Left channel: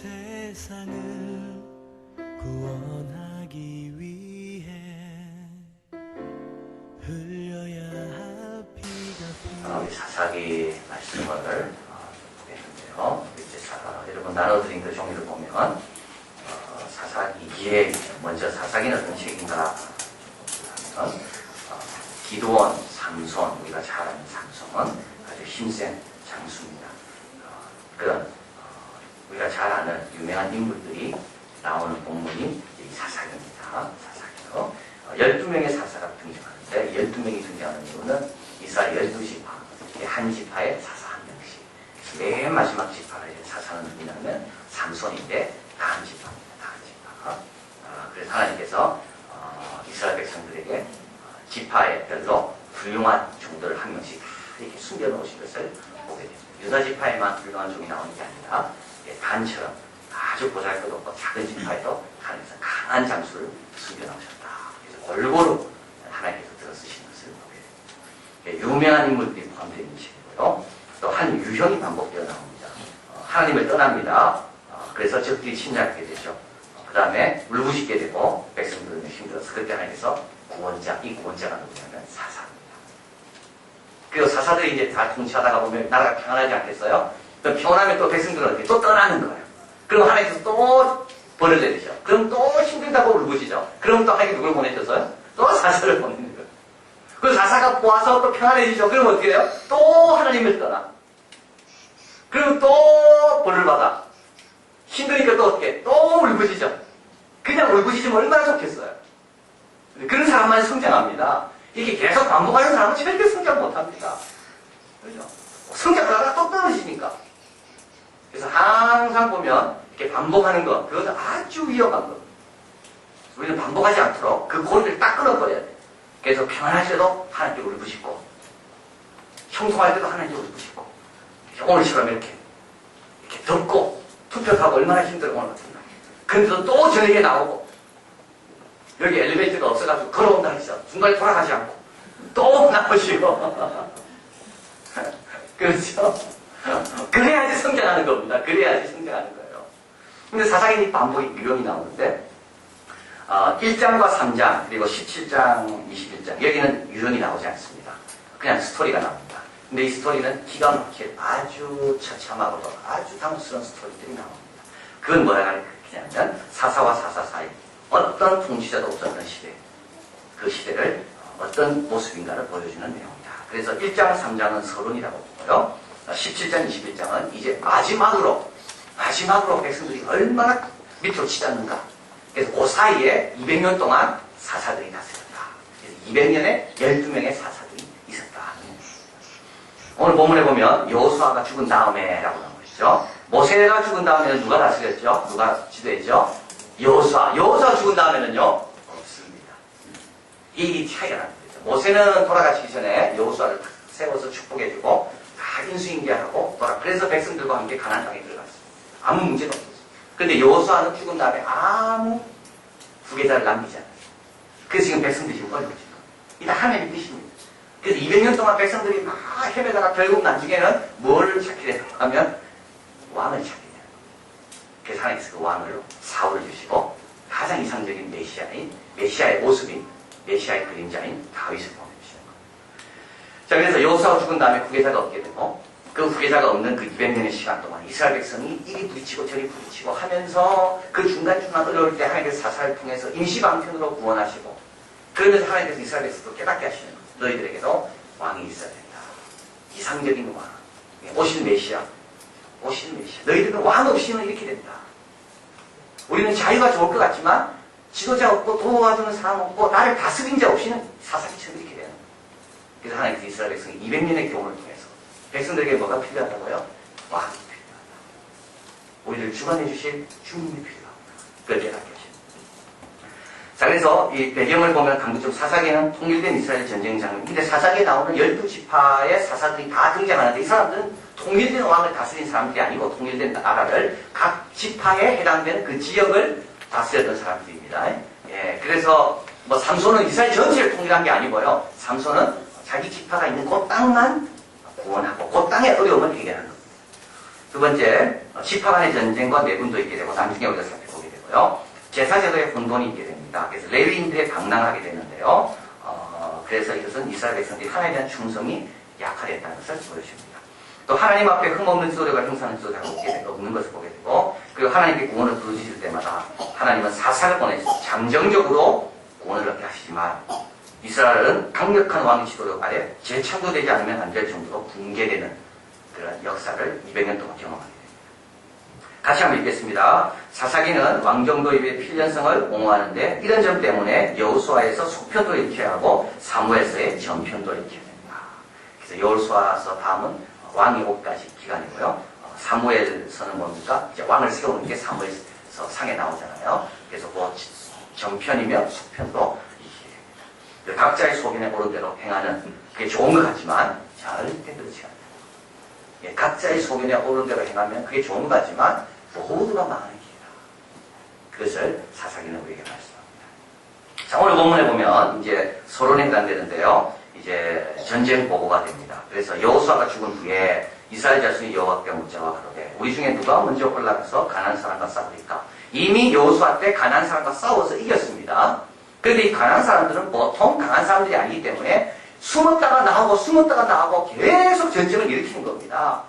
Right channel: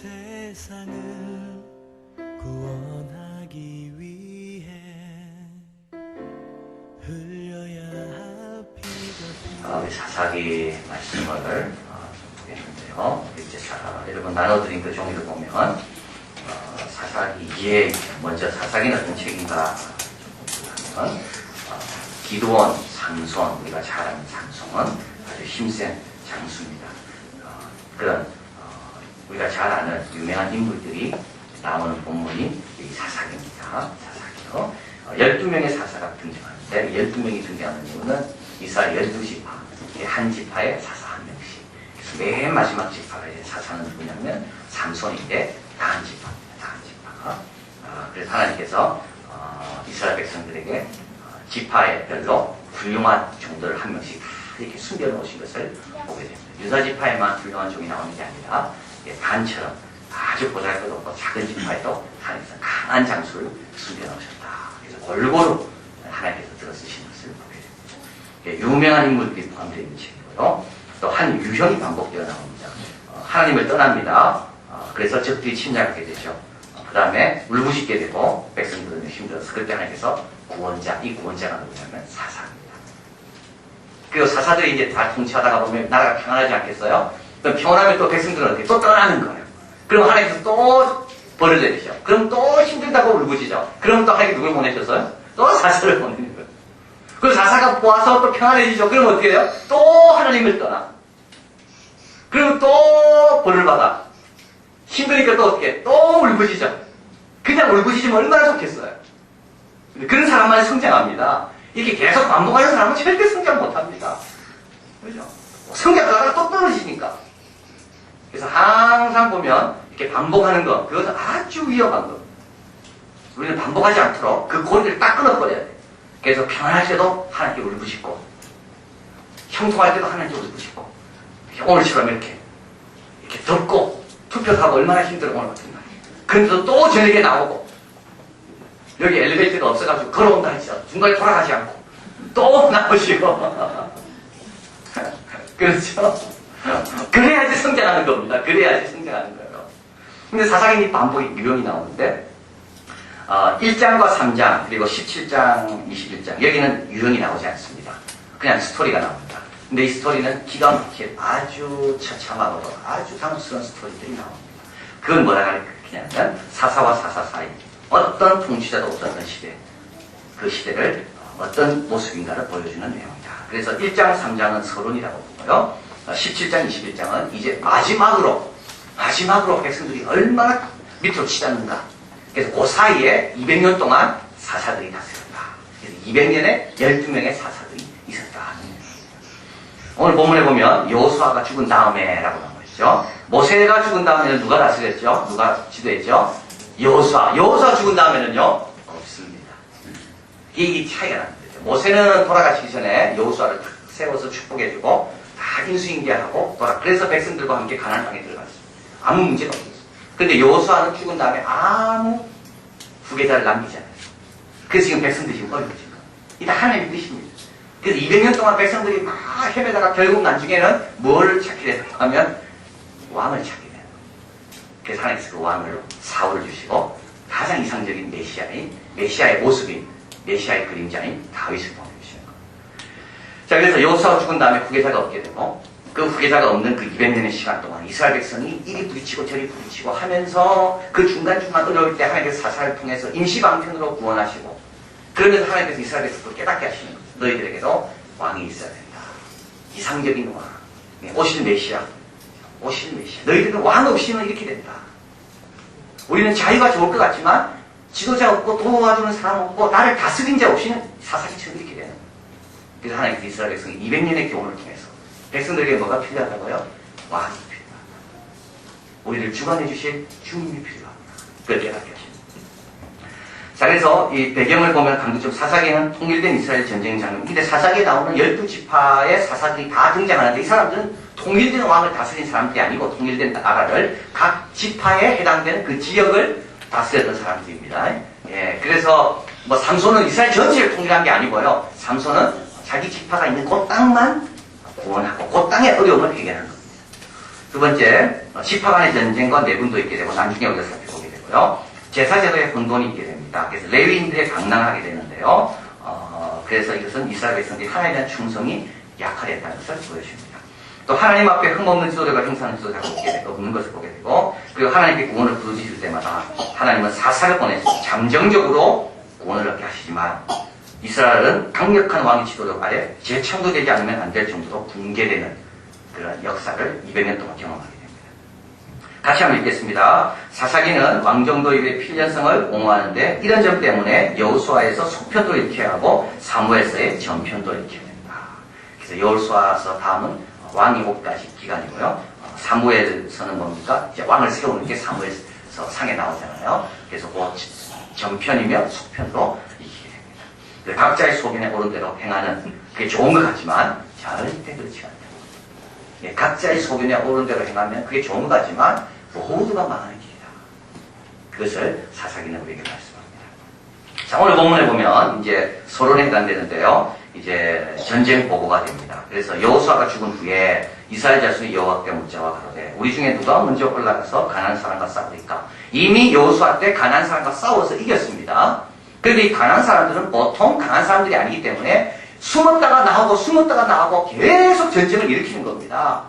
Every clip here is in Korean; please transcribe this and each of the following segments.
세상을 구원하기 위해 흘려야 할 피가 우리 사사기 말씀을 보겠는데요. 이제 여러분 나눠드린 그 종이를 보면 사사기에 먼저 사사기는 어떤 책인가 보면 기드온, 삼손, 우리가 잘 아는 삼손은 아주 힘센 장수입니다. 그런 우리가 잘 아는 유명한 인물들이 나오는 본문이 이 사사기입니다. 사사기요. 12명의 사사가 등장하는데 12명이 등장하는 이유는 이스라엘 12지파, 한 지파에 사사 한 명씩. 그래서 맨 마지막 지파가 이제 사사는 누구냐면 삼손인데 다한 지파입니다. 다한 지파. 그래서 하나님께서 이스라엘 백성들에게 지파에 별로 훌륭한 종들을 한 명씩 다 이렇게 숨겨놓으신 것을 보게 됩니다. 유다 지파에만 훌륭한 종이 나오는 게 아니라 단처럼 아주 보잘것없고 작은 지파에도 하나님께서 강한 장수를 숨겨놓으셨다. 그래서 골고루 하나님께서 들어쓰신 것을 보게 됩니다. 유명한 인물들이 포함되어 있는 책이고요. 또 한 유형이 반복되어 나옵니다. 하나님을 떠납니다. 그래서 적들이 침략하게 되죠. 그 다음에 울부짖게 되고 백성들은 힘들어서 그때 하나님께서 구원자, 이 구원자가 누구냐면 사사입니다. 그리고 사사들이 이제 다 통치하다가 보면 나라가 평안하지 않겠어요? 그럼 평온하면 또 백성들은 어떻게 또 떠나는 거예요. 그럼 하나님께서 또 벌을 내리죠. 그럼 또 힘들다고 울부짖죠. 그럼 또 하나님께 누굴 보내셨어요? 또 사사를 보내는 거예요. 그 사사가 모아서 또 평안해지죠. 그럼 어떻게 해요? 또 하나님을 떠나. 그리고 또 벌을 받아. 힘드니까 또 어떻게 해? 또 울부짖죠. 그냥 울부짖으면 얼마나 좋겠어요. 그런 사람만 성장합니다. 이렇게 계속 반복하는 사람은 절대 성장 못합니다. 그렇죠? 성장하다가 또 떨어지니까. 그래서 항상 보면 이렇게 반복하는 것, 그것은 아주 위험한 것. 우리는 반복하지 않도록 그 고리를 딱 끊어버려야 돼. 그래서 평안할 때도 하나님께 울부짖고, 형통할 때도 하나님께 울부짖고, 오늘처럼 이렇게 덥고, 투표하고 얼마나 힘들어, 오늘 같은 날. 그런데도 또 저녁에 나오고, 여기 엘리베이터가 없어가지고 걸어온다 했죠. 중간에 돌아가지 않고, 또 나오시고. 그렇죠? 그래야지 성장하는 겁니다. 그래야지 성장하는 거예요. 근데 사사기는 반복이 유형이 나오는데, 1장과 3장, 그리고 17장, 21장, 여기는 유형이 나오지 않습니다. 그냥 스토리가 나옵니다. 근데 이 스토리는 기가 막힐 아주 처참하고도 아주 당혹스러운 스토리들이 나옵니다. 그건 뭐라 가르치냐면, 사사와 사사 사이, 어떤 통치자도 없었던 시대, 그 시대를 어떤 모습인가를 보여주는 내용이다. 그래서 1장, 3장은 서론이라고 보고요. 17장, 21장은 이제 마지막으로 백성들이 얼마나 밑으로 치닫는가. 그래서 그 사이에 200년 동안 사사들이 다스렸다. 그래서 200년에 12명의 사사들이 있었다. 오늘 본문에 보면 여호수아가 죽은 다음에 라고 나와 있죠. 모세가 죽은 다음에는 누가 다스렸죠? 누가 지도했죠? 여호수아 죽은 다음에는요? 없습니다. 이 차이가 납니다. 모세는 돌아가시기 전에 여호수아를 탁 세워서 축복해주고 다 인수인계하고 그래서 백성들과 함께 가나안 땅에 들어갔습니다. 아무 문제가 없었어요. 근데 여호수아는 죽은 다음에 아무 후계자를 남기지 않아요. 그래서 지금 백성들이 지금 어려워진 거예요. 이게 다 하나님의 뜻입니다. 그래서 200년 동안 백성들이 막 헤매다가 결국 나중에는 뭘 찾게 되는가 하면 왕을 찾게 되는 거예요. 그래서 하나님께서 그 왕을 사울을 주시고 가장 이상적인 메시아의 모습인 메시아의 그림자인 다윗을 보내주시는 거예요. 자, 그래서 여호수아가 죽은 다음에 후계자가 없게 되고 그 후계자가 없는 그 200년의 시간 동안 이스라엘 백성이 이리 부딪히고 저리 부딪히고 하면서 그 중간중간 어려울 때 하나님께서 사사를 통해서 임시방편으로 구원하시고 그러면서 하나님께서 이스라엘 백성을 깨닫게 하시는 거예요. 너희들에게도 왕이 있어야 된다. 이상적인 왕. 오실 메시아. 너희들은 왕 없이는 이렇게 된다. 우리는 자유가 좋을 것 같지만 지도자 없고 도와주는 사람 없고 나를 다스린 자 없이는 사사기처럼 이렇게 되는 거예요. 그래서 하나님께서 이스라엘 백성이 200년의 교훈을 통해서 백성들에게 뭐가 필요하다고요? 왕이 필요하다. 우리를 주관해 주실 주님이 필요하다. 그걸 깨닫게 하십니다. 자, 그래서 이 배경을 보면 강조적 사사기는 통일된 이스라엘 전쟁 장면. 근데 사사기에 나오는 12지파의 사사들이 다 등장하는데 이 사람들은 통일된 왕을 다스린 사람들이 아니고 통일된 나라를 각 지파에 해당되는 그 지역을 다스렸던 사람들입니다. 예, 그래서 뭐 삼손은 이스라엘 전체를 통일한 게 아니고요. 삼손은 자기 지파가 있는 그 땅만 구원하고 그 땅의 어려움을 해결하는 겁니다. 두 번째, 지파 간의 전쟁과 내분도 있게 되고 나중에 우리가 살펴보게 되고요. 제사제도에 혼돈이 있게 됩니다. 그래서 레위인들의 방랑하게 되는데요. 그래서 이것은 이스라엘 백성들이 하나님에 대한 충성이 약화됐다는 것을 보여줍니다. 또 하나님 앞에 흠없는 지도자가 형상하는 지도자가 없는 것을 보게 되고, 그리고 하나님께 구원을 부르짖을 때마다 하나님은 사사를 보내서 잠정적으로 구원을 얻게 하시지만 이스라엘은 강력한 왕의 지도력 아래 재창조되지 않으면 안 될 정도로 붕괴되는 그런 역사를 200년 동안 경험하게 됩니다. 같이 한번 읽겠습니다. 사사기는 왕정도입의 필연성을 옹호하는데 이런 점 때문에 여호수아에서 속편도 읽혀야 하고 사무엘서의 전편도 읽혀야 됩니다. 그래서 여호수아서 다음은 왕이 5까지 기간이고요. 사무엘서는 뭡니까? 이제 왕을 세우는 게 사무엘서 상에 나오잖아요. 그래서 그 전편이며 속편도 읽히게 됩니다. 각자의 소견에 옳은 대로 행하는 그게 좋은 것 같지만 절대 그렇지 않다. 예, 각자의 소견에 옳은 대로 행하면 그게 좋은 것 같지만 모두가 망하는 길이다. 그것을 사사기는 우리에게 말씀합니다. 자, 오늘 본문에 보면 이제 서론에 해당되는데요. 이제 전쟁 보고가 됩니다. 그래서 여호수아가 죽은 후에 이스라엘 자손이 여호와께 묻자와 가로되 우리 중에 누가 먼저 올라가서 가나안 사람과 싸우리까? 이미 여호수아 때 가나안 사람과 싸워서 이겼습니다. 그런데 이 가나안 사람들은 보통 강한 사람들이 아니기 때문에 숨었다가 나오고 계속 전쟁을 일으키는 겁니다.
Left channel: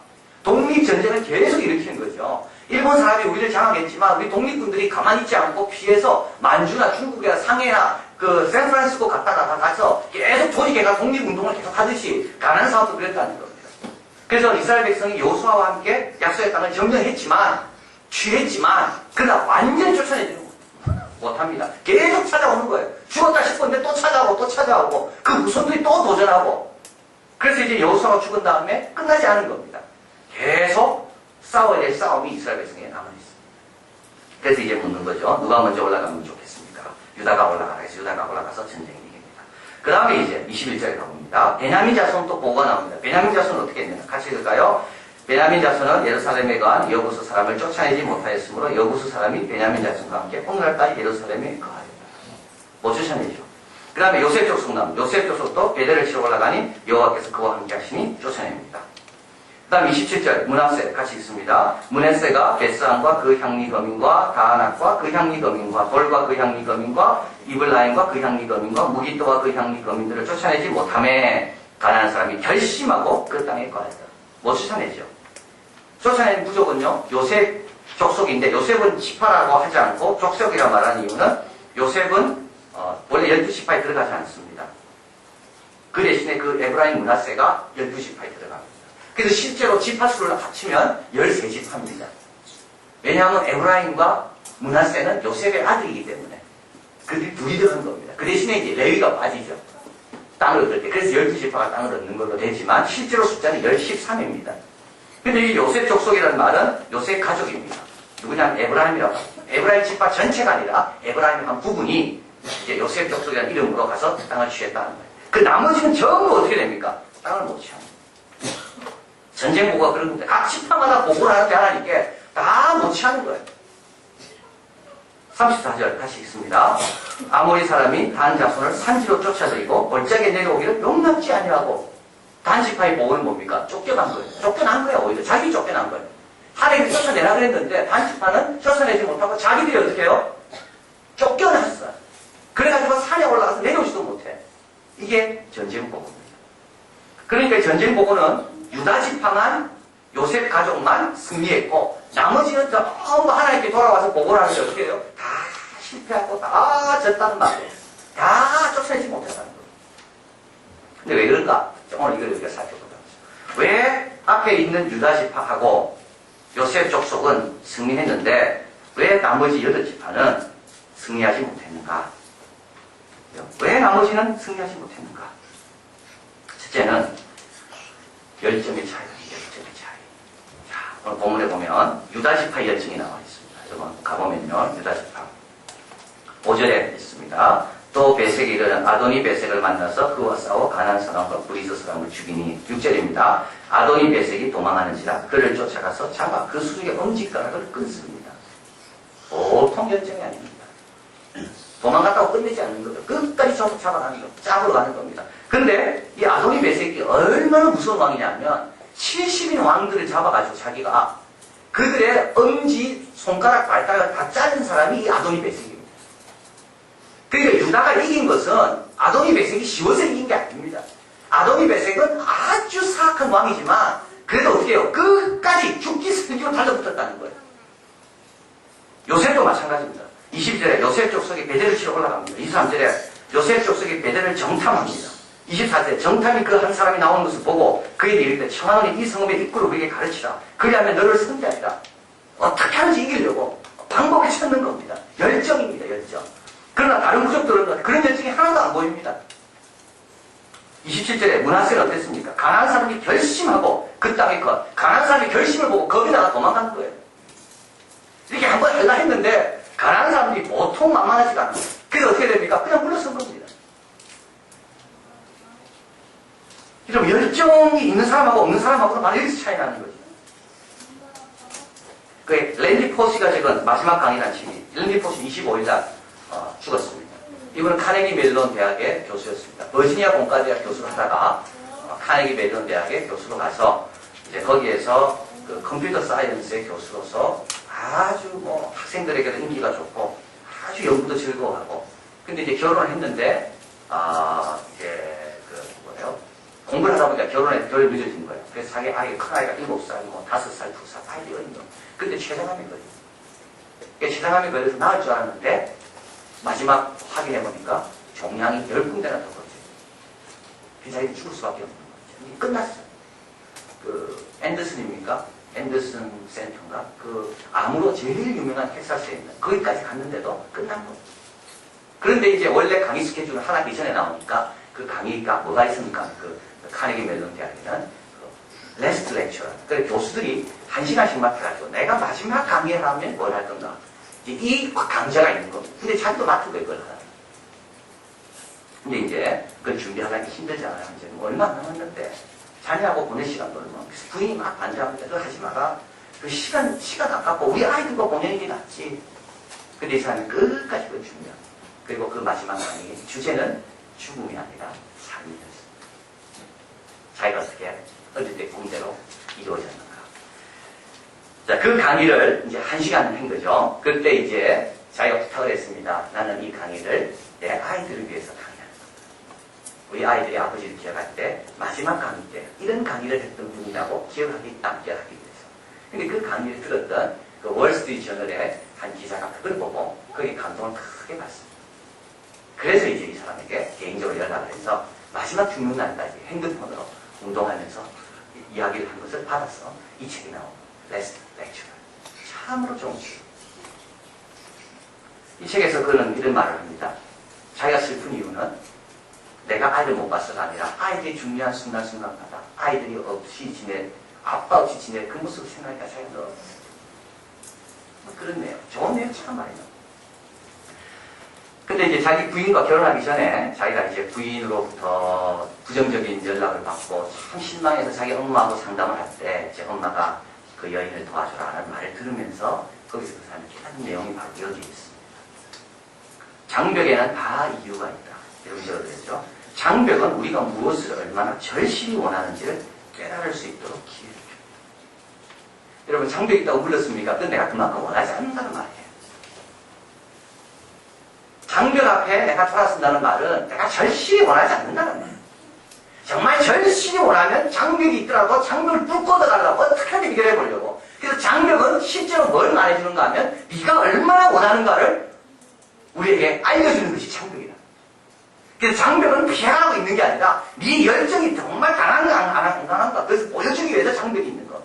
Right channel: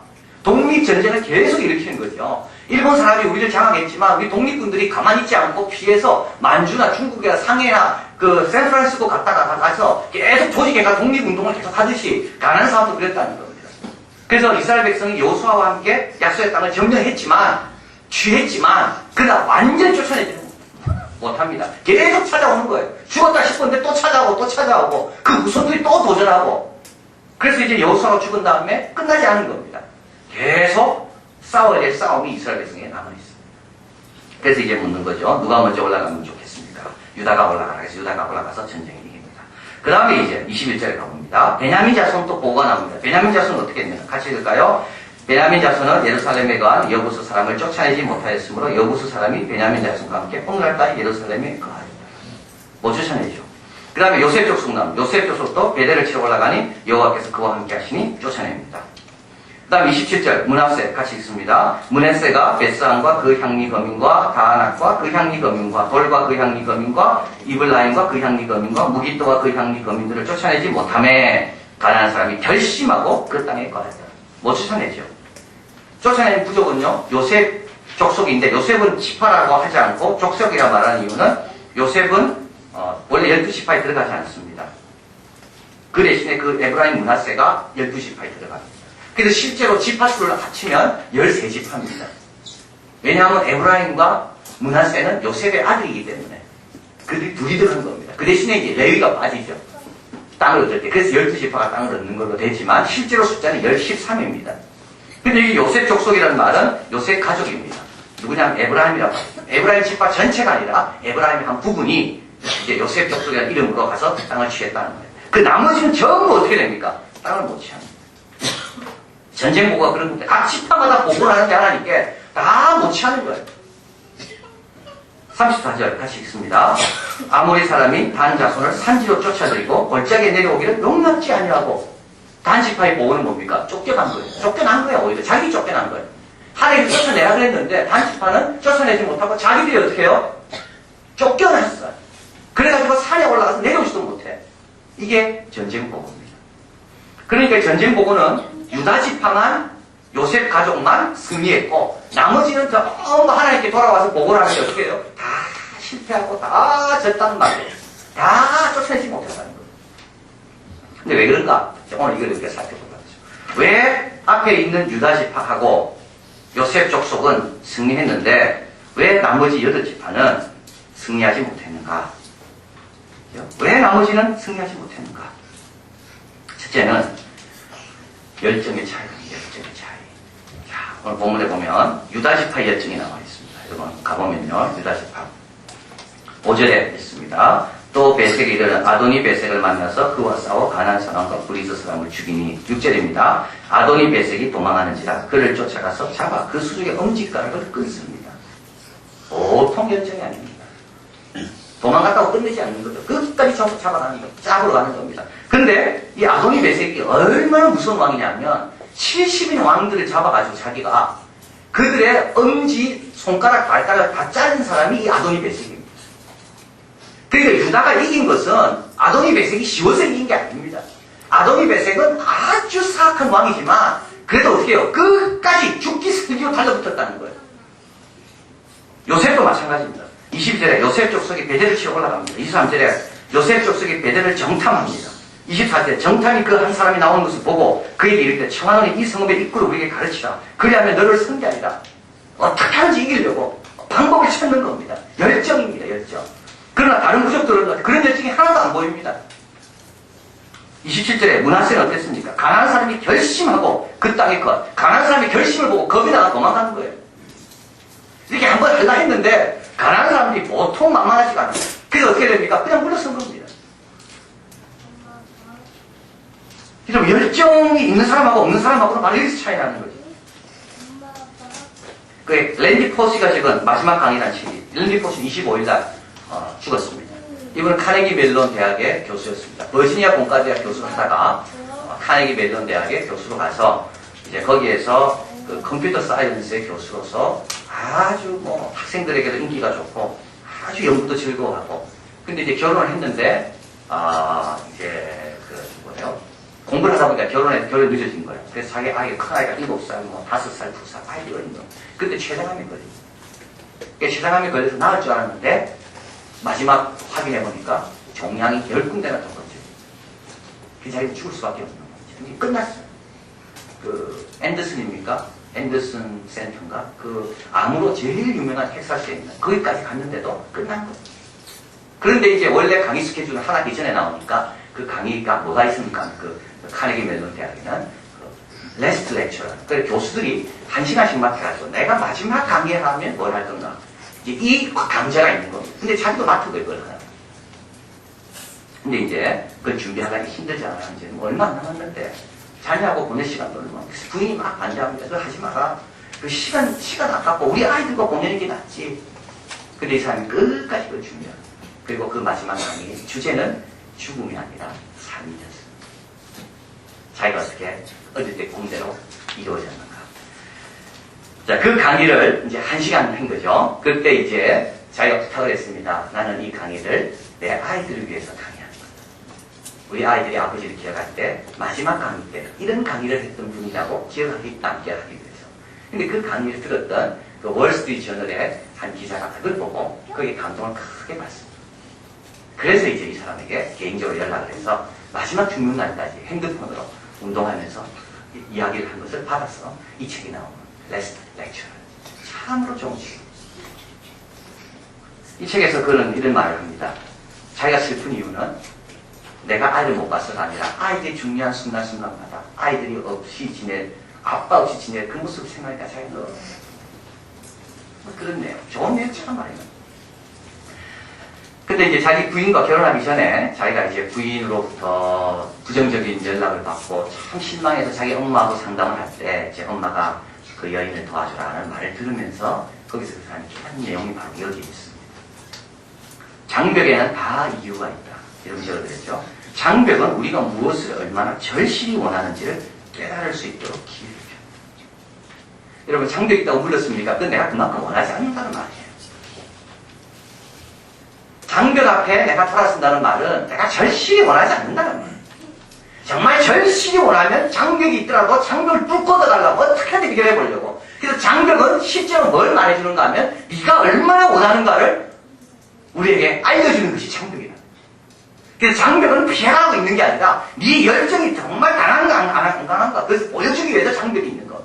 독립전쟁을 계속 일으키는 거죠. 일본 사람이 우리를 장악했지만 우리 독립군들이 가만히 있지 않고 피해서 만주나 중국이나 상해나 그 샌프란시스코 가서 계속 조직해가 독립운동을 계속 하듯이 가난한 사람도 그랬다는 겁니다. 그래서 이스라엘 백성이 여호수아와 함께 약속의 땅을 점령했지만 취했지만 그러나 완전히 쫓아내지는 못합니다. 계속 찾아오는 거예요. 죽었다 싶었는데 또 찾아오고 그 후손들이 또 도전하고 그래서 이제 여호수아가 죽은 다음에 끝나지 않은 겁니다. 계속 싸워야 될 싸움이 이스라엘 백성에게 남아있습니다. 그래서 이제 묻는 거죠. 누가 먼저 올라가면 좋겠습니까? 유다가 올라가라. 그래서 유다가 올라가서 전쟁을 이깁니다. 그 다음에 이제 21절에 가봅니다. 베냐민 자손도 보고가 나옵니다. 베냐민 자손은 어떻게 했느냐? 같이 읽을까요? 베냐민 자손은 예루살렘에 간 여부수 사람을 쫓아내지 못하였으므로 여부수 사람이 베냐민 자손과 함께 오늘날까지 예루살렘에 거하였다. 못 쫓아내죠. 그 다음에 요셉 족속 나옵니다. 요셉 족속도 베델을 치러 올라가니 여호와께서 그와 함께 하시니 쫓아냅니다. 그 다음 27절 므낫세 같이 읽습니다. 므낫세가 벳스안과 그 향리 거민과 다아낙과 그 향리 거민과 돌과 그 향리 거민과 이블라임과 그 향리 거민과 무기또와 그 향리 거민들을 쫓아내지 못하매 가나안 사람이 결심하고 그 땅에 거하였다. 못 쫓아내죠. 쫓아내는 부족은요. 요셉 족속인데 요셉은 지파라고 하지 않고 족속이라 말하는 이유는 요셉은 원래 12지파에 들어가지 않습니다. 그 대신에 그 에브라임 므낫세가 12지파에 들어갑니다. 그래서 실제로 지파수를 합치면 13지파입니다. 왜냐하면 에브라임과 므낫세는 요셉의 아들이기 때문에 그들이 둘이 들어간 겁니다. 그 대신에 이제 레위가 빠지죠. 땅을 얻을 때. 그래서 12지파가 땅을 얻는 걸로 되지만 실제로 숫자는 13입니다. 근데 이 요셉 족속이라는 말은 요셉 가족입니다. 누구냐면 에브라임이라고 합니다. 에브라임 지파 전체가 아니라 에브라임의 한 부분이 이제 요셉 족속이라는 이름으로 가서 땅을 취했다는 거예요. 그 나머지는 전부 어떻게 됩니까? 땅을 못 취합니다. 전쟁 보고가 그런 건데 각 지파마다 보고를 하는데 하나님께 다 못 취하는 거예요. 34절 같이 읽습니다. 아모리 사람이 단 자손을 산지로 쫓아들이고 골짜기에 내려오기를 용납지 아니하고 단 지파의 보고는 뭡니까? 쫓겨난 거예요. 쫓겨난 거예요. 오히려 자기 쫓겨난 거예요. 하나님이 쫓아내라 그랬는데 단 지파는 쫓아내지 못하고 자기들이 어떻게 해요? 쫓겨났어요. 그래가지고 산에 올라가서 내려오지도 못해. 이게 전쟁 보고입니다. 그러니까 전쟁 보고는 유다 지파만 요셉 가족만 승리했고 나머지는 전부 하나님께 돌아와서 보고를 하는데 어떻게 해요? 다 실패하고 다 졌다는 말이에요. 다 쫓아내지 못했다는 거예요. 근데 왜 그런가? 오늘 이걸 우리가 살펴보자. 왜 앞에 있는 유다 지파하고 요셉 족속은 승리했는데 왜 나머지 8지파는 승리하지 못했는가? 왜 나머지는 승리하지 못했는가? 첫째는 열정의 차이입니다. 열정의 차이. 자, 오늘 본문에 보면 유다지파의 열정이 나와 있습니다. 여러분 가보면요. 유다지파 5절에 있습니다. 또 베색이 이르는 아도니 베색을 만나서 그와 싸워 가나안 사람과 브리스 사람을 죽이니 6절입니다. 아도니 베색이 도망하는지라 그를 쫓아가서 잡아 그 수족의 엄지가락을 끊습니다. 보통 열정이 아닙니다. 도망갔다고 끝내지 않는 거죠. 끝까지 잡아가는 겁니다. 잡으러 가는 겁니다. 근데 이 아도니 베색이 얼마나 무서운 왕이냐면 70인 왕들을 잡아가지고 자기가 그들의 엄지, 손가락, 발가락을 다 자른 사람이 이 아도니 베섹입니다. 그러니까 유다가 이긴 것은 아도니 베섹이 쉬워서 이긴 게 아닙니다. 아도니 베섹은 아주 사악한 왕이지만 그래도 어떻게 해요? 끝까지 죽기 살기로 달라붙었다는 거예요. 요셉도 마찬가지입니다. 22절에 요셉 족속이 베델을 치러 올라갑니다. 23절에 요셉 족속이 베델을 정탐합니다. 24절에 정탐이 그 한 사람이 나오는 것을 보고 그에게 이르되 청하노니 이 성읍의 입구를 우리에게 가르치라. 그리하면 너를 승리하리라. 어떻게 하는지 이기려고 방법을 찾는 겁니다. 열정입니다. 열정. 그러나 다른 부족들은 그런 열정이 하나도 안 보입니다. 27절에 므낫세는 어땠습니까? 가난한 사람이 결심하고 그 땅의 것, 가난한 사람이 결심을 보고 겁이 나가 도망가는 거예요. 이렇게 한번 하려 했는데 가난한 사람들이 보통 만만하지가 않아요. 그래서 어떻게 됩니까? 그냥 물러선 겁니다. 그럼 열정이 있는 사람하고 없는 사람하고는 바로 여기서 차이 나는 거죠. 그 랜디 포시가 적은 마지막 강의란 책이 랜디 포시 25일날 죽었습니다. 이분은 카네기 멜론 대학의 교수였습니다. 버지니아 공과대학 교수를 하다가 카네기 멜론 대학의 교수로 가서 이제 거기에서 그 컴퓨터 사이언스의 교수로서 아주 뭐 학생들에게도 인기가 좋고 아주 연구도 즐거워하고 근데 이제 결혼을 했는데 이제 그 뭐예요? 공부를 하다 보니까 결혼이 늦어진 거예요. 그래서 자기 아이가 큰 아이가 7살, 뭐 5살, 2살 아이들이 어린 거. 근데 췌장암이 걸립니다. 췌장암이 걸려서 나을 줄 알았는데 마지막 확인해 보니까 종양이 10군데나 더 퍼져요. 그 자리에 죽을 수밖에 없는 거죠. 이게 끝났어요. 그 앤더슨입니까? 앤더슨 센터인가? 그 암으로 제일 유명한 텍사스에 있는 거기까지 갔는데도 끝난 거예요. 그런데 이제 원래 강의 스케줄은 하나 이전에 나오니까 그 강의가 뭐가 있습니까? 그 카네기 멜론 대학에는 그 레스트 렉처러. 그래서 교수들이 1시간씩만 해가지고 내가 마지막 강의를 하면 뭘 할 건가? 이제 이 강좌가 있는 겁니다. 근데 자기도 맡은 거예요, 그걸 하나. 근데 이제 그걸 준비하기 힘들잖아요. 이제 뭐 얼마 안 남았는데 자녀하고 보낼 시간도 얼마. 그래서 부인이 막 반대합니다. 그걸 하지 마라. 그 시간 아깝고 우리 아이들과 보내는 게 낫지. 근데 이 사람이 끝까지 그걸 준비합니다. 그리고 그 마지막 강의 주제는 죽음이 아니라 삶이었어요. 자기가 어떻게 어릴 때 꿈대로 이루어졌는가. 자, 그 강의를 이제 1시간 한 거죠. 그때 이제 자기가 부탁을 했습니다. 나는 이 강의를 내 아이들을 위해서 강의하는 거다. 우리 아이들이 아버지를 기억할 때 마지막 강의 때 이런 강의를 했던 분이라고 기억하기 남게 하기 위해서. 근데 그 강의를 들었던 그 월스트리트 저널의 한 기자가 그걸 보고 거기에 감동을 크게 받습니다. 그래서 이제 이 사람에게 개인적으로 연락을 해서 마지막 죽는 날까지 핸드폰으로 운동하면서 이야기를 한 것을 받아서 이 책이 나온 레스트 렉처러. 참으로 좋은 책. 이 책에서 그는 이런 말을 합니다. 자기가 슬픈 이유는 내가 아이를 못 봐서가 아니라 아이들이 중요한 순간순간마다 아이들이 없이 아빠 없이 지낼 그 모습을 생각하니까 자기가 너무 그런 내용. 좋은 내용 참 말이에요. 근데 이제 자기 부인과 결혼하기 전에 자기가 이제 부인으로부터 부정적인 연락을 받고 참 실망해서 자기 엄마하고 상담을 할 때 제 엄마가 그 여인을 도와주라는 말을 들으면서 거기서 그 사람이 깨닫는 내용이 바로 여기에 있습니다. 장벽에는 다 이유가 있다. 이렇게 적어드렸죠. 장벽은 우리가 무엇을 얼마나 절실히 원하는지를 깨달을 수 있도록 기회를 줍니다. 여러분 장벽이 있다고 물렸습니까? 그건 내가 그만큼 원하지 않는다는 말이에요. 장벽 앞에 내가 돌아선다는 말은 내가 절실히 원하지 않는다는 말이에요. 정말 절실히 원하면 장벽이 있더라도 장벽을 뚫고 들어가려고 어떻게든 해결해 보려고. 그래서 장벽은 실제로 뭘 말해주는가 하면 네가 얼마나 원하는가를 우리에게 알려주는 것이 장벽이다. 그래서 장벽은 피해가고 있는 게 아니라 네 열정이 정말 강한가 안 강한가 그것을 보여주기 위해서 장벽이 있는 거.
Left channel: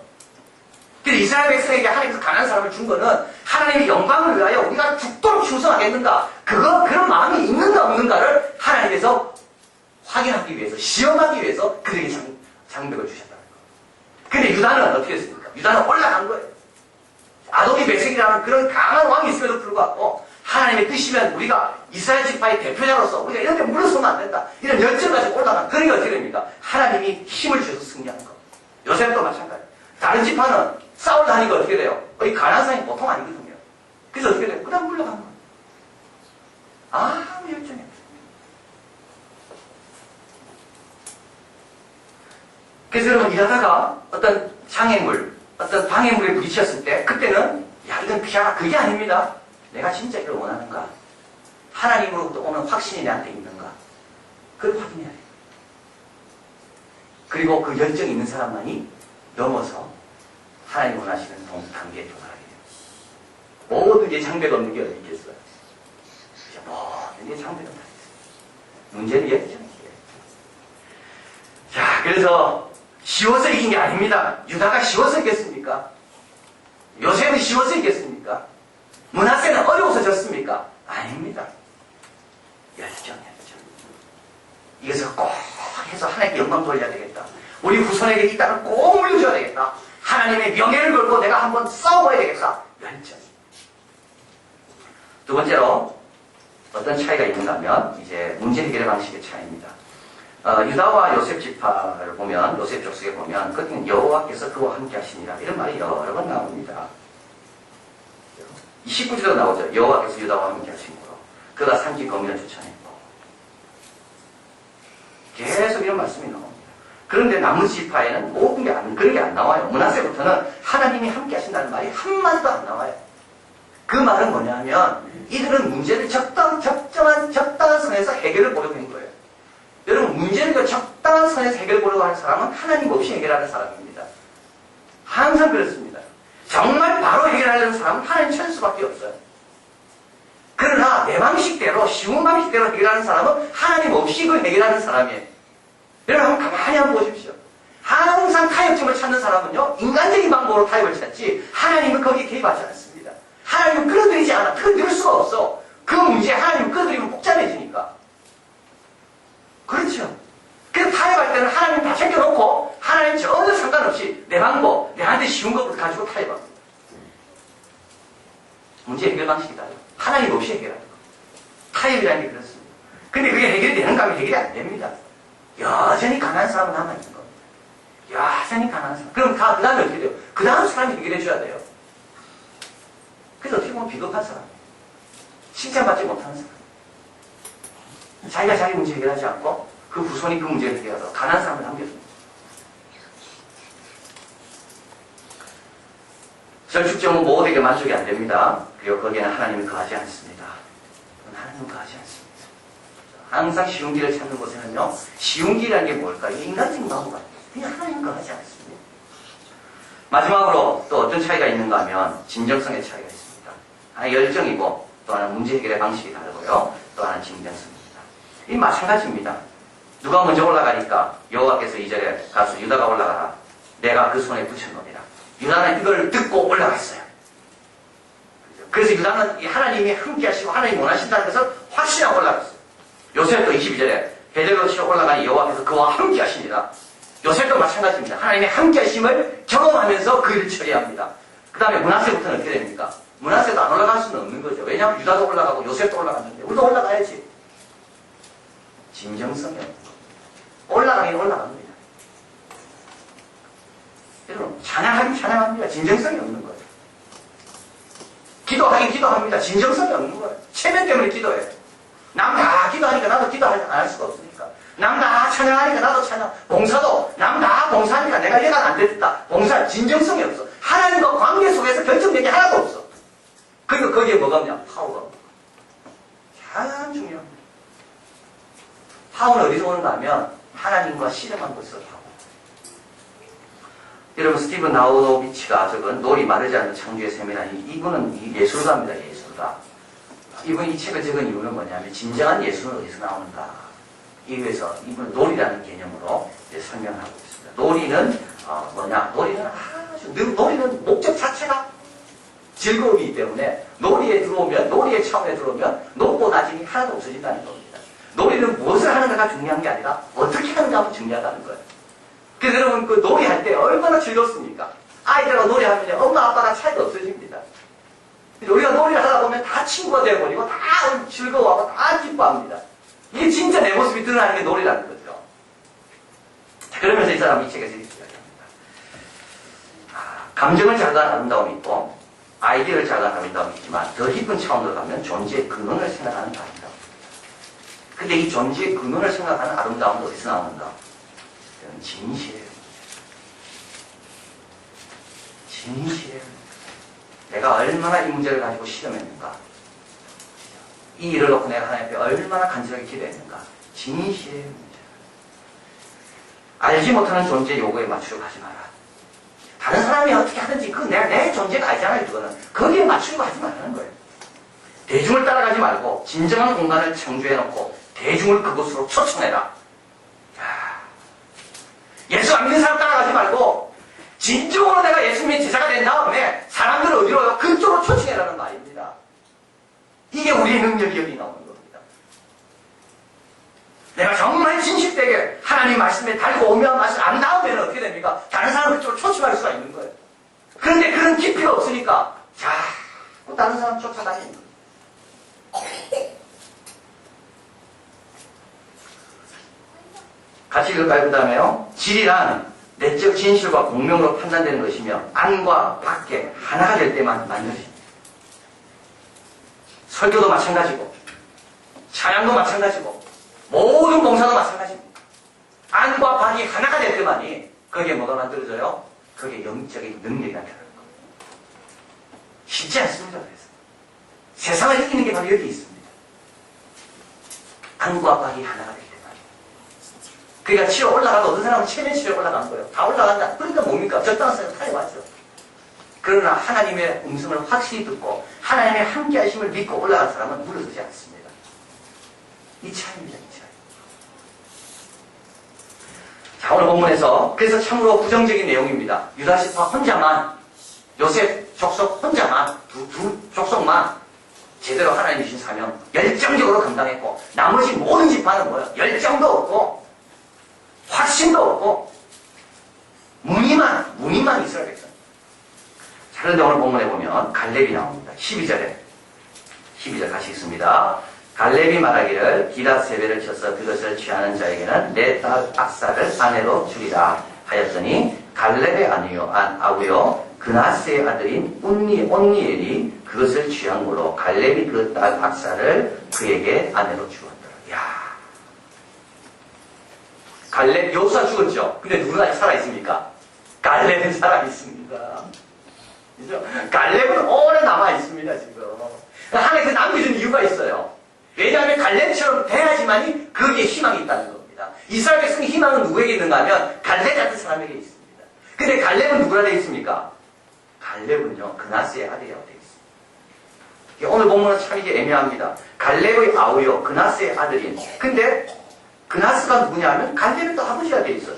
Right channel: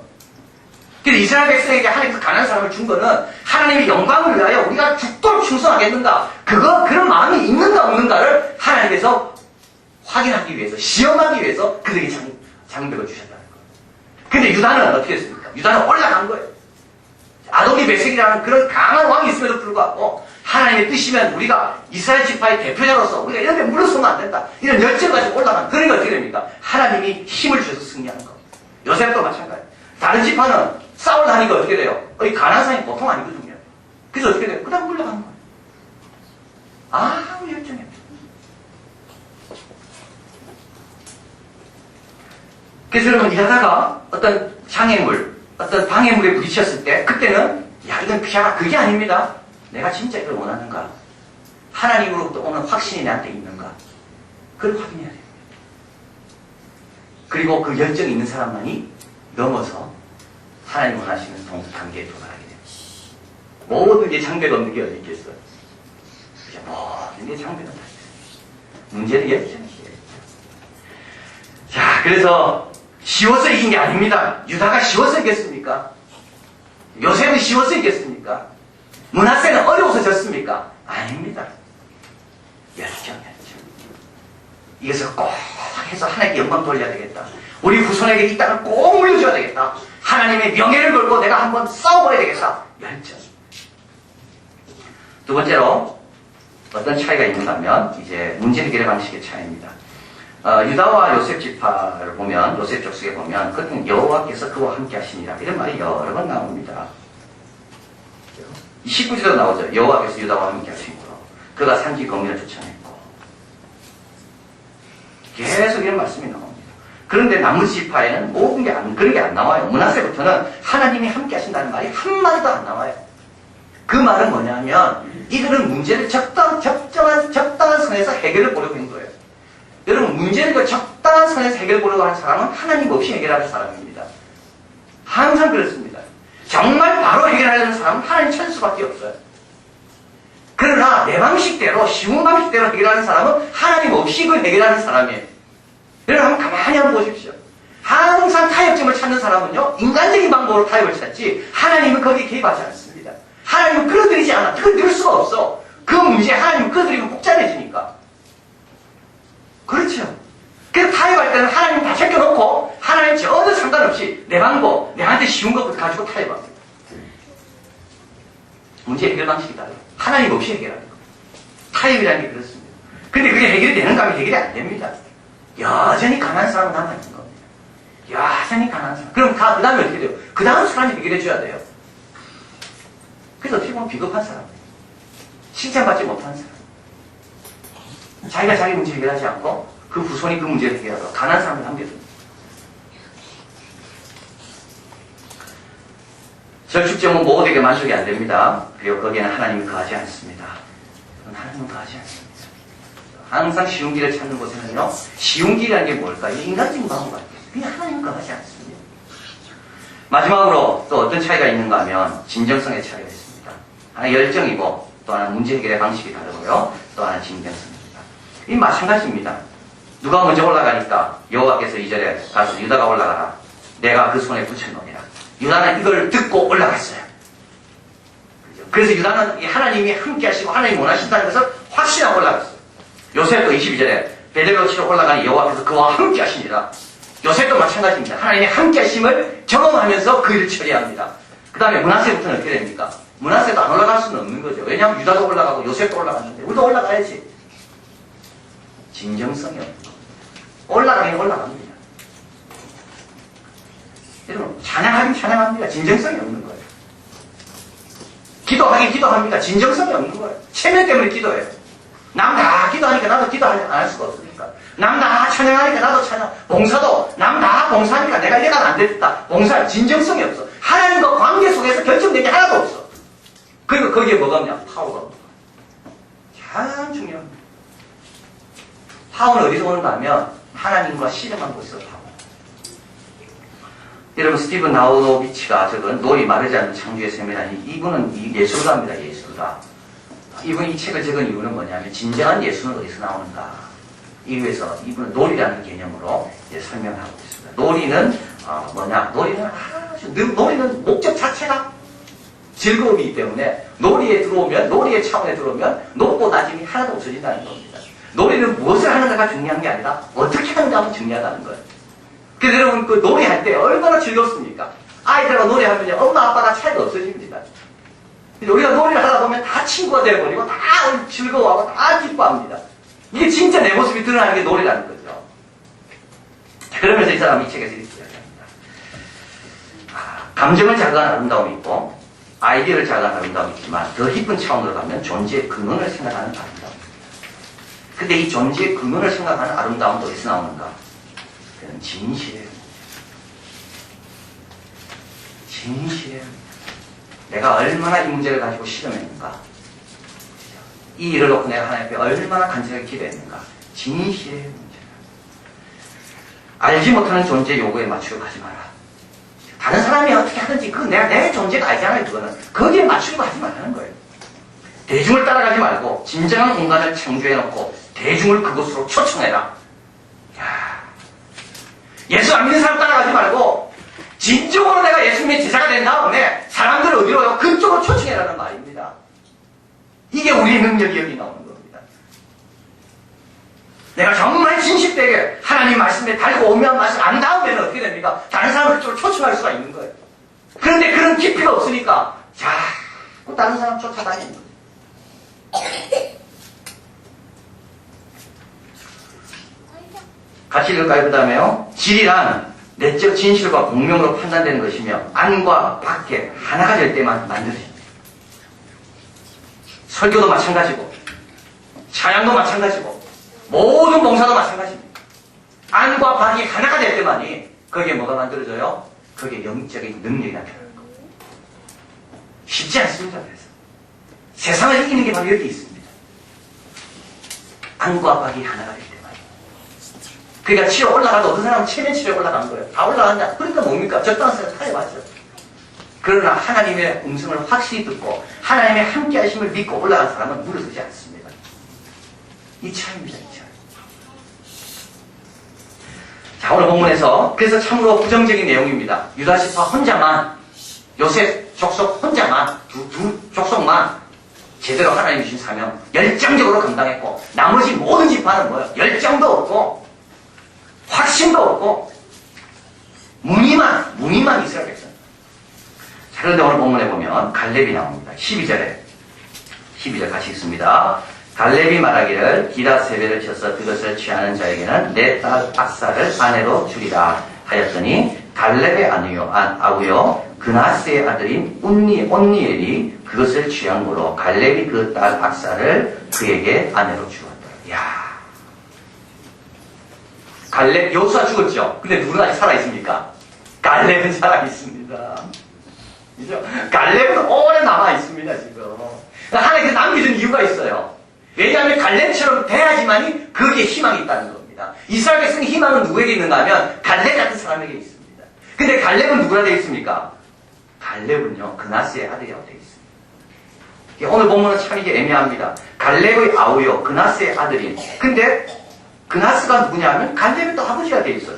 그래서 이스라엘 백성에게 하나님께서 가난한 사람을 준 거는 하나님의 영광을 위하여 우리가 죽도록 충성하겠는가 그런 마음이 있는가 없는가를 하나님께서 확인하기 위해서 시험하기 위해서 그들에게 장벽을 주셨다는 거예요. 근데 유다는 어떻게 했습니까? 유다는 올라간 거예요. 아도니 베섹이라는 그런 강한 왕이 있음에도 불구하고 하나님의 뜻이면 우리가 이스라엘 지파의 대표자로서 우리가 이런 데 물러서면 안 된다. 이런 열정 가지고 올라간. 그러니까 어떻게 됩니까? 하나님이 힘을 주셔서 승리하는 거. 요셉도 마찬가지. 다른 지파는 싸우려 하니까 어떻게 돼요? 이 가난한 사람이 보통 아니거든요. 그래서 어떻게 돼요? 그 다음 물러간 거예요. 아무 열정이 없어요. 그래서 여러분 일하다가 어떤 장애물, 어떤 방해물에 부딪혔을 때 그때는 야 이건 피하라 그게 아닙니다. 내가 진짜 이걸 원하는가? 하나님으로부터 오는 확신이 내한테 있는가? 그걸 확인해야 돼요. 그리고 그 열정이 있는 사람만이 넘어서 하나님 원하시는 단계에 도달하게 됩니다. 모든 게 장벽 없는 게 어디 있겠어요? 이제 모든 게 장벽은 다 있어요. 문제는 열정이에요. 자, 그래서 쉬워서 이긴 게 아닙니다. 유다가 쉬워서 이겼습니까? 요셉은 쉬워서 이겼습니까? 므낫세는 어려워서 졌습니까? 아닙니다. 열정. 이것을 꼭 해서 하나님께 영광 돌려야 되겠다. 우리 후손에게 이 땅을 꼭 물려줘야 되겠다. 하나님의 명예를 걸고 내가 한번 싸워봐야 되겠다. 열정. 두 번째로 어떤 차이가 있는가 하면 이제 문제 해결의 방식의 차이입니다. 유다와 요셉 지파를 보면 요셉 족속에 보면 그때는 여호와께서 그와 함께 하시니라 이런 말이 여러 번 나옵니다. 19절에도 나오죠. 여호와께서 유다와 함께 하시므로 그가 산지 거민을 쫓아냈고 계속 이런 말씀이 나옵니다. 그런데 나머지 지파에는 모든 게 그런 게 안 나와요. 므낫세부터는 하나님이 함께 하신다는 말이 한마디도 안 나와요. 그 말은 뭐냐면 이들은 문제를 적당한 선에서 해결을 보려고 한 거예요. 여러분 문제를 적당한 선에서 해결을 보려고 하는 사람은 하나님 없이 해결하는 사람입니다. 항상 그렇습니다. 정말 바로 해결하려는 사람은 하나님 찾을 수밖에 없어요. 그러나 내 방식대로 쉬운 방식대로 해결하는 사람은 하나님 없이 그걸 해결하는 사람이에요. 여러분 한번 가만히 한번 보십시오. 항상 타협점을 찾는 사람은요 인간적인 방법으로 타협을 찾지 하나님은 거기에 개입하지 않습니다. 하나님은 끌어들이지 않아. 끌어들일 수가 없어. 그 문제에 하나님은 끌어들이면 복잡해지니까. 그렇죠. 그래서 타협할 때는 하나님 다 제껴놓고 하나님 전혀 상관없이 내 방법, 내한테 쉬운 것부터 가지고 타협합니다. 문제 해결 방식이 달라요. 하나님 없이 해결하는 겁니다. 타협이라는 게 그렇습니다. 근데 그게 해결이 되는가 하면 해결이 안 됩니다. 여전히 가난한 사람은 남아있는 겁니다. 여전히 가난한 사람. 그럼 그 다음에 어떻게 돼요? 그 다음 사람이 해결해 줘야 돼요. 그래서 어떻게 보면 비겁한 사람이에요. 칭찬받지 못하는 사람. 자기가 자기 문제 해결하지 않고 그 후손이 그 문제를 해결하고 가난한 사람을 남겨둡니다. 절축점은 모두에게 만족이 안 됩니다. 그리고 거기에는 하나님이 거하지 않습니다. 하나님은 거하지 않습니다. 항상 쉬운 길을 찾는 곳에는요, 쉬운 길이라는 게 뭘까요? 인간적인 방법 같아요. 그냥 하나님은 거하지 않습니다. 마지막으로 또 어떤 차이가 있는가 하면 진정성의 차이가 있습니다. 하나 열정이고 또 하나 문제 해결의 방식이 다르고요. 또 하나 진정성입니다. 이 마찬가지입니다. 누가 먼저 올라가니까 여호와께서 2절에 가서 유다가 올라가라. 내가 그 손에 붙여놓으리라. 유다는 이걸 듣고 올라갔어요. 그래서 유다는 하나님이 함께 하시고 하나님이 원하신다는 것을 확신하고 올라갔어요. 요셉도 22절에 베델로 치러 올라가니 여호와께서 그와 함께 하시니라. 요셉도 마찬가지입니다. 하나님의 함께 하심을 경험하면서 그 일을 처리합니다. 그 다음에 므낫세부터는 어떻게 됩니까? 므낫세도 안 올라갈 수는 없는 거죠. 왜냐하면 유다도 올라가고 요셉도 올라갔는데 우리도 올라가야지. 진정성이 없는 겁니다. 올라가긴 올라갑니다. 여러분 찬양하긴 찬양합니다. 진정성이 없는 거예요. 기도하긴 기도합니다. 진정성이 없는 거예요. 체면 때문에 기도해요. 남 다 기도하니까 나도 기도 안 할 수가 없으니까. 남 다 찬양하니까 나도 찬양. 봉사도 남 다 봉사하니까 내가 이래가 안 됐다. 봉사 진정성이 없어. 하나님과 관계 속에서 결정된 게 하나도 없어. 그리고 거기에 뭐가 없냐? 파워가 없는 거예요. 참 중요합니다. 파워는 어디서 오는가 하면 하나님과 씨름한 곳에서 파워. 여러분 스티븐 나우노비치가 적은 놀이 마르지 않는 창조의 셈이라니 이분은 예술가입니다. 예술가. 이분이 이 책을 적은 이유는 뭐냐면 진정한 예술은 어디서 나오는가. 이거에서 이분은 놀이라는 개념으로 설명하고 있습니다. 놀이는 뭐냐? 놀이는 목적 자체가 즐거움이기 때문에 놀이에 들어오면 놀이의 차원에 들어오면 높고 낮음이 하나도 없어진다는 겁니다. 놀이는 무엇을 하는가가 중요한 게 아니라 어떻게 하는가가 중요하다는 거예요. 그래서 여러분 그 놀이할 때 얼마나 즐겁습니까? 아이들과 놀이하면 엄마 아빠가 차이가 없어집니다. 우리가 놀이를 하다 보면 다 친구가 되어버리고 다 즐거워하고 다 기뻐합니다. 이게 진짜 내 모습이 드러나는 게 놀이라는 거죠. 자, 그러면서 이 사람이 이 책에서 이렇게 이야기합니다. 감정을 자극하는 아름다움이 있고 아이디어를 자극하는 아름다움이 있지만 더 깊은 차원으로 가면 존재의 근원을 생각하는 아름다움입니다. 근데 이 존재의 근원을 생각하는 아름다움은 어디서 나오는가? 그건 진실이에요. 진실의 문제. 내가 얼마나 이 문제를 가지고 실험했는가. 이 일을 놓고 내가 하나님 앞에 얼마나 간절하게 기도했는가. 진실의 문제. 알지 못하는 존재 요구에 맞추려 하지 마라. 다른 사람이 어떻게 하든지 그건 내 존재가 아니잖아요. 그거는 거기에 맞추려고 하지 말라는 거예요. 대중을 따라가지 말고 진정한 공간을 창조해놓고 대중을 그곳으로 초청해라. 야, 예수 안 믿는 사람 따라가지 말고 진정으로 내가 예수님의 제자가 된 다음에 사람들을 어디로요? 그쪽으로 초청해라는 말입니다. 이게 우리의 능력이 여기 나오는 겁니다. 내가 정말 진실되게 하나님 말씀에 달고 오묘한 말씀을 안 다음에는 어떻게 됩니까? 다른 사람을 그쪽으로 초청할 수가 있는 거예요. 그런데 그런 깊이가 없으니까 자꾸 다른 사람 쫓아다니는 거예요. 같이 읽을까요? 그 다음에요. 진리란 내적 진실과 공명으로 판단되는 것이며 안과 밖에 하나가 될 때만 만들어집니다. 설교도 마찬가지고 찬양도 마찬가지고 모든 봉사도 마찬가지입니다. 안과 밖이 하나가 될 때만이 거기에 뭐가 만들어져요? 거기에 영적인 능력이 나타나는 겁니다. 쉽지 않습니다. 그래서 세상을 이기는 게 바로 여기 있습니다. 안과 밖이 하나가 될 때만. 그러니까 치러 올라가도 어떤 사람은 체면치러에 올라간 거예요. 다 올라간다. 그러니까 뭡니까? 적당한 사람 타협하죠. 그러나 하나님의 음성을 확실히 듣고 하나님의 함께 하심을 믿고 올라간 사람은 물러서지 않습니다. 이 차이입니다. 이 차이. 자, 오늘 본문에서 그래서 참으로 부정적인 내용입니다. 유다 지파 혼자만, 요셉 족속 혼자만, 두 족속만 제대로 하나님이 주신 사명 열정적으로 감당했고 나머지 모든 지파는 뭐예요? 열정도 없고 확신도 없고 무늬만 이스라엘 백성. 자, 그런데 오늘 본문에 보면 갈렙이 나옵니다. 12절 같이 읽습니다. 갈렙이 말하기를 기라 세배를 쳐서 그것을 취하는 자에게는 내 딸 악사를 아내로 주리라 하였더니 갈렙의 아우요 그나스의 아들인 온니엘이 그것을 취한 거로 갈렙이 그 딸 악사를 그에게 아내로 주었더라. 이야, 갈렙 여호수아 죽었죠. 근데 누구는 아직 살아있습니까? 갈렙은 살아있습니다. 그죠? 갈렙은 오래 남아있습니다. 지금 하나님께서 남겨준 이유가 있어요. 왜냐하면 갈렙처럼 돼야지만이 거기에 희망이 있다는 겁니다. 이스라엘 백성의 희망은 누구에게 있는가 하면 갈렙 같은 사람에게 있습니다. 근데 갈렙은 누구라 되어 있습니까? 갈렙은요 그나스의 아들이라고 되어 있습니다. 오늘 본문은 참 이게 애매합니다. 갈렙의 아우요 그나스의 아들인. 근데 그나스가 누구냐 하면 갈렙의 또 아버지가 되어 있어요.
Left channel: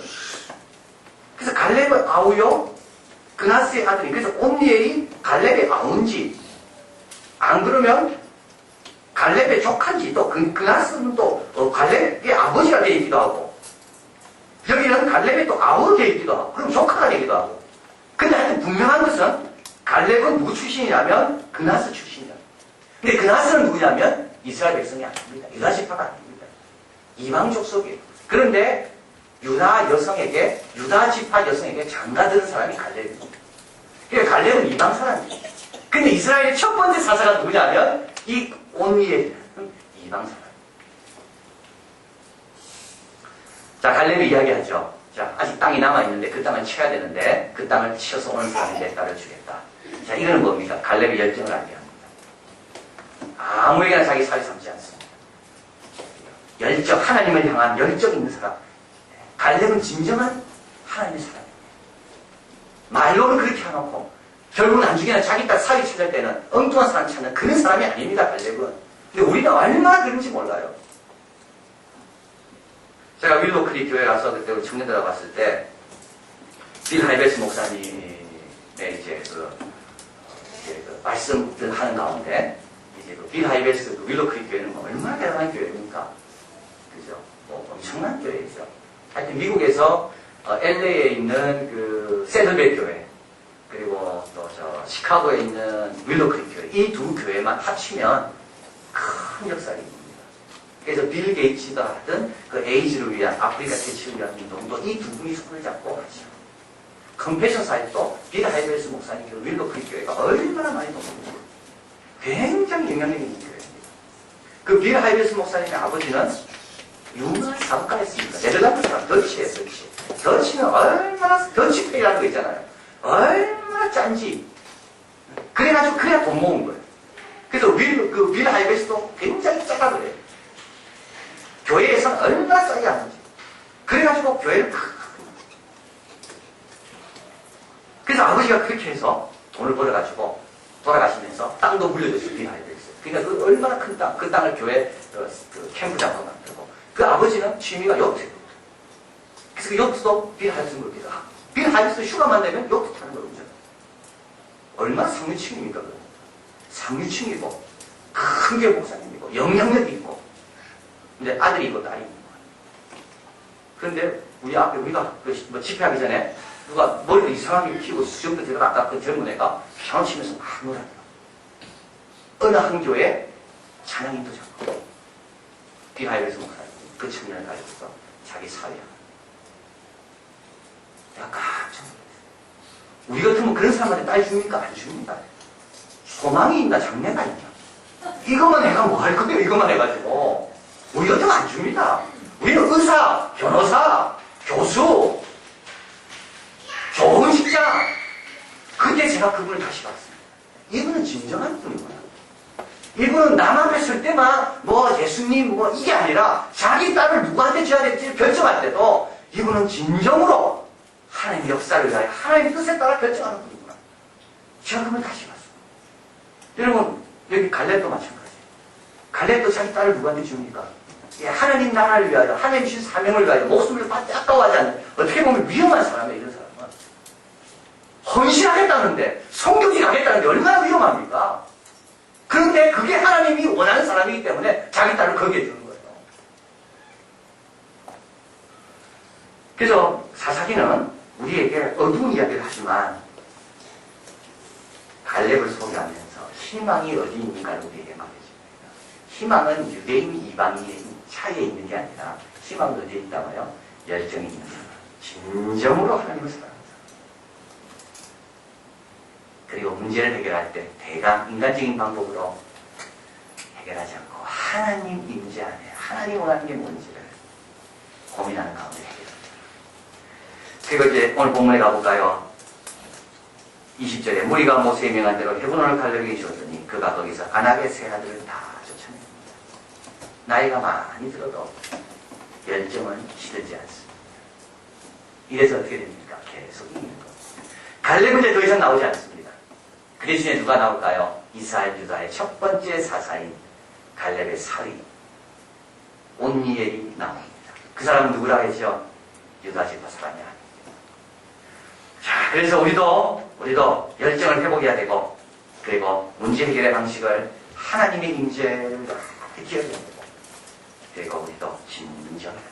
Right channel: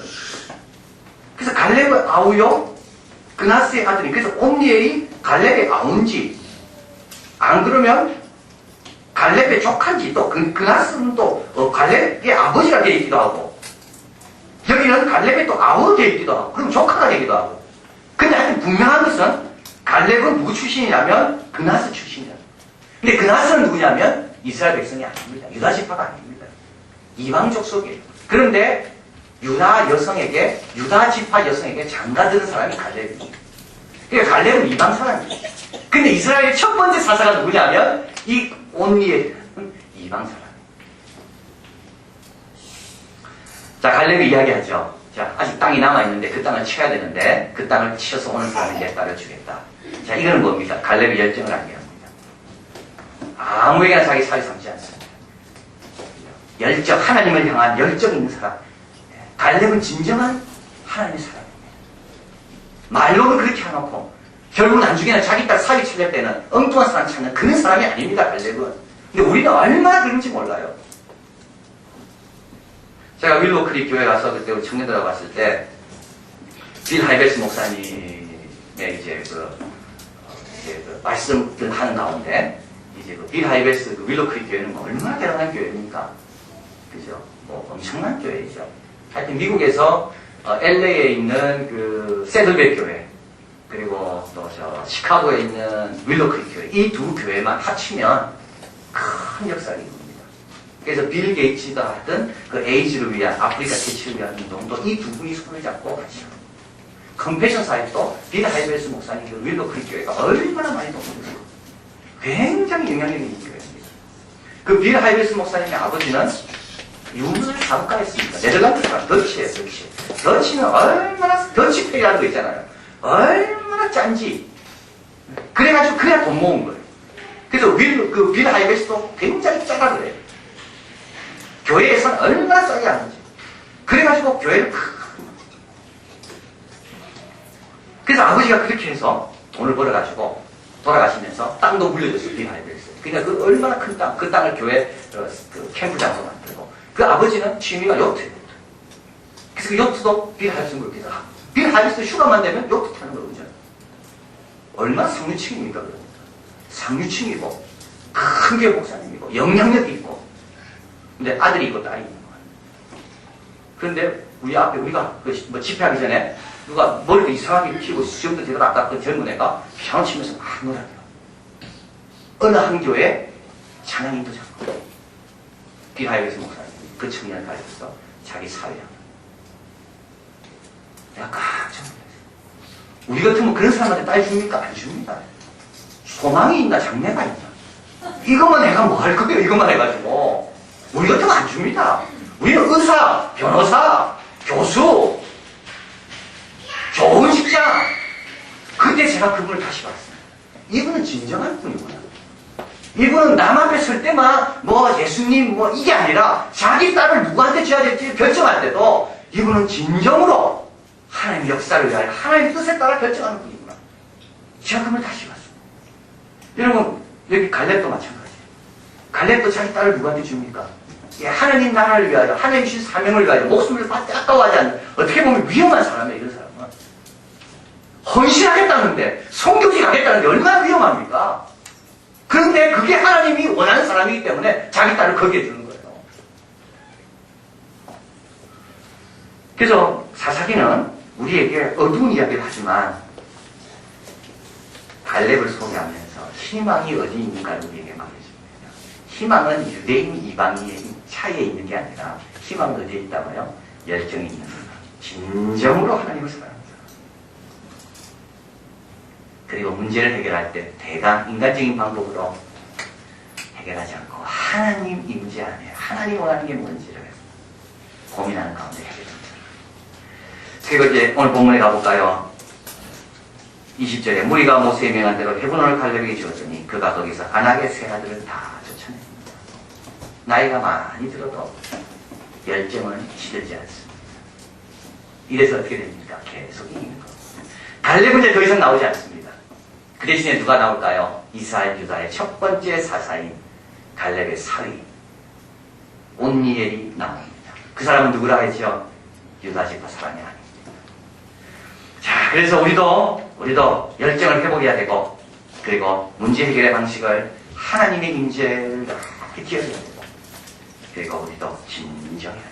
그래서 갈렙의 아우요 그나스의 아들인. 그래서 온니엘이 갈렙의 아우인지 안 그러면 갈렙의 조카인지 또 그나스는 또 갈렙의 아버지가 되어 있기도 하고 여기는 갈렙의 또 아우가 되어 있기도 하고 그럼 조카가 되기도 하고. 근데 하여튼 분명한 것은 갈렙은 누구 출신이냐면 그나스 출신이야. 근데 그나스는 누구냐면 이스라엘 백성이 아닙니다. 유다 지파가 아닙니다. 이방 족속이에요. 그런데 유다 지파 여성에게 장가드는 사람이 갈렙입니다. 그러니까 갈렙은 이방 사람이에요. 근데 이스라엘의 첫 번째 사사가 누구냐면 이 온니엘은 이방 사람. 자, 갈렙이 이야기하죠. 자, 아직 땅이 남아있는데 그 땅을 쳐야 되는데 그 땅을 치어서 오는 사람이 내 딸을 주겠다. 자, 이거는 뭡니까? 갈렙의 열정을 알게 합니다. 아무에게나 자기 살이 삼지 않습니다. 열정, 하나님을 향한 열정 있는 사람. 갈렙은 진정한 하나님의 사람입니다. 말로는 그렇게 해놓고 결국 나중에는 자기 딸 사기 찾을 때는 엉뚱한 사람 찾는 그런 사람이 아닙니다. 갈렙은. 근데 우리는 얼마나 그런지 몰라요. 제가 윌로 크릭 교회 가서 그때 우리 청년들하고 갔을 때 빌 하이베스 목사님의 이제 그 말씀들 하는 가운데 이제 빌 하이베스 그 윌로 크릭 교회는 뭐 얼마나 대단한 교회입니까? 그죠? 뭐 엄청난 교회죠. 하여튼 미국에서 LA에 있는 그 세들백 교회 그리고 또 저 시카고에 있는 윌로 크릭 교회 이 두 교회만 합치면 큰 역사를 이룹니다. 그래서 빌 게이츠가 하던 그 에이즈를 위한 아프리카 퇴치를 위한 운동도 이 두 분이 손을 잡고 같이 합니다. 컴패션 사이트도 빌 하이베스 목사님 그 윌로 크릭 교회가 얼마나 많이 도움을 주고 굉장히 영향력 있는 교회입니다. 그 빌 하이베스 목사님의 아버지는 유명한 사업가였습니다. 네덜란드 사람, 더치예요, 더치. 더치는 얼마나, 더치페이라는 거 있잖아요. 얼마나 얼마나 짠지. 그래가지고 그래야 돈 모은 거예요. 그래서 빌 하이베스도 굉장히 짜다 그래요. 교회에서는 얼마나 싸게 하는지. 그래가지고 교회를 그래서 아버지가 그렇게 해서 돈을 벌어가지고 돌아가시면서 땅도 물려줬어요. 빌 하이베스. 그러니까 그 얼마나 큰 땅, 그 땅을 교회 그 캠프장으로 만들고 그 아버지는 취미가 요트예요. 그래서 그 요트도 빌 하이베스 그렇게 해서 빌 하이베스 휴가만 되면 요트 타는 걸 운전. 얼마나 상류층입니까? 그러면. 상류층이고 큰 교회 목사님이고 영향력이 있고 근데 아들이 있고 딸이 있는 거예요. 그런데 우리 앞에 우리가 뭐 집회하기 전에 누가 머리도 이상하게 피고 수염도 제대로 안 깎은 젊은 애가 피아노 치면서 막 놀아요. 어느 한 교회에 찬양인도 잡고 빌 하이베스 목사님 그 청년을 가르쳐서 자기 사회야. 내가 깜짝 놀랐어요. 우리 같으면 그런 사람한테 딸 줍니까? 안 줍니다. 소망이 있나 장래가 있나? 이것만 해가 뭐 할 거예요? 이것만 해가지고 우리 같으면 안 줍니다. 우리는 의사, 변호사, 교수, 좋은 직장. 그때 제가 그분을 다시 봤습니다. 이분은 진정한 분이구나. 이분은 남 앞에 설 때만 뭐 예수님 뭐 이게 아니라 자기 딸을 누구한테 줘야 될지 결정할 때도 이분은 진정으로 하나님의 역사를 위하여 하나님의 뜻에 따라 결정하는 분이구나. 제가 그분을 다시 봤습니다. 여러분 여기 갈렙도 마찬가지예요. 갈렙도 자기 딸을 누구한테 줍니까? 예, 하나님 나라를 위하여 하나님 주신 사명을 위하여 목숨을 아까워하지 않는 어떻게 보면 위험한 사람이에요. 이런 사람은 헌신하겠다는데 성교지 가겠다는데 얼마나 위험합니까? 그런데 그게 하나님이 원하는 사람이기 때문에 자기 딸을 거기에 주는 거예요. 그래서 사사기는 우리에게 어두운 이야기를 하지만 갈렙을 소개하면서 희망이 어디 있는가를 우리에게 말해줍니다. 희망은 유대인 이방인의 차이에 있는 게 아니라 희망은 어디에 있다고요? 열정이 있는 사람. 진정으로 하나님을 사랑하는 사람. 그리고 문제를 해결할 때 대강 인간적인 방법으로 해결하지 않고 하나님 임재 안에 하나님 원하는 게 뭔지를 고민하는 가운데 해결합니다. 그리고 이제 오늘 본문에 가볼까요? 20절에 무리가 모세의 명한 대로 헤브론을 갈렙에게 주었더니 그가 거기서 안악의 세 아들을 다 쫓아냅니다. 나이가 많이 들어도 열정은 시들지 않습니다. 이래서 어떻게 됩니까? 계속 이기는 거. 갈렙은 이제 더 이상 나오지 않습니다. 그 대신에 누가 나올까요? 이스라엘 유다의 첫 번째 사사인 갈렙의 사위 온니엘이 나옵니다. 그 사람은 누구라 했죠? 유다 지파 사람이 아닙니다. 자, 그래서 우리도 열정을 회복해야 되고, 그리고 문제 해결의 방식을 하나님의 임재를 기억해야 되고, 그리고 우리도 진정해야 됩니다.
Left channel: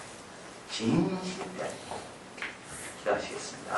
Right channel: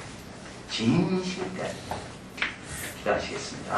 진심을 때야 됩니다. 기도하시겠습니다.